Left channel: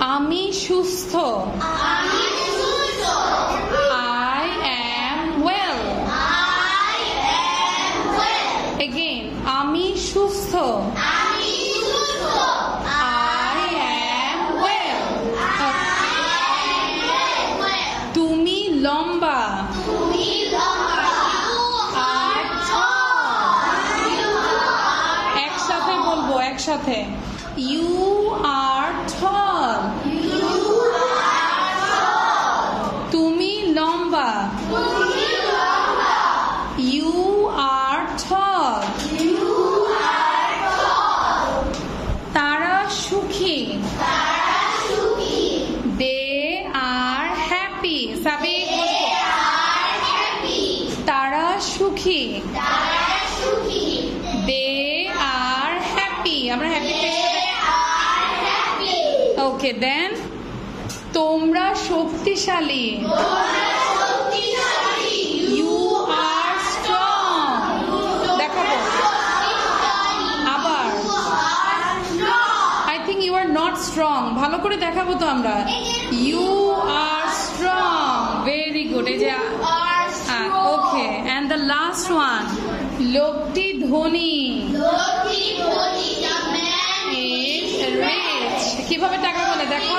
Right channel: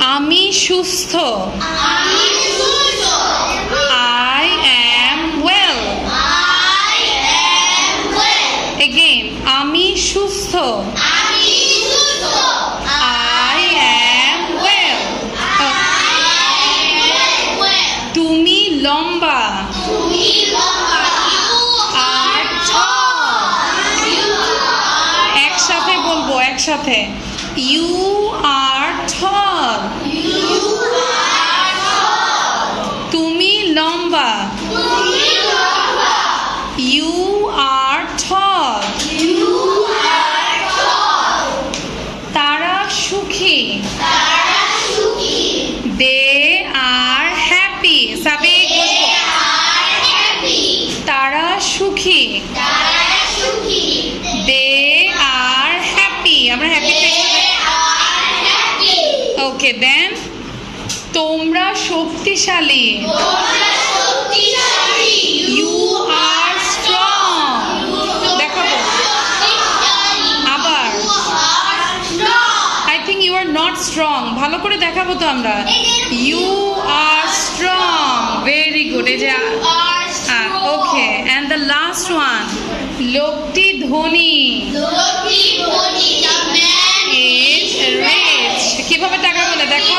আমি সুস্থ। I am well. Again, আমি সুস্থ। I am well. তুমি লম্বা। আর একসাথে বলবো, একসাথে। You are tall. তুমি লম্বা। You are tall. তারা সুখী। They are happy. সাবিক বলবো। তারা সুখী। They are happy. আমরা হ্যাপি ওকে দেন তোমরা শক্তিশালী। You are strong. দেখাবো আবার। I think you are not strong. ভালো করে দেখাবো তো আমরা। You are strong. Very good. এই যে ওকে and the last one লোকটি ধনী। is rich. কিভাবে টাকা বলে দেখো।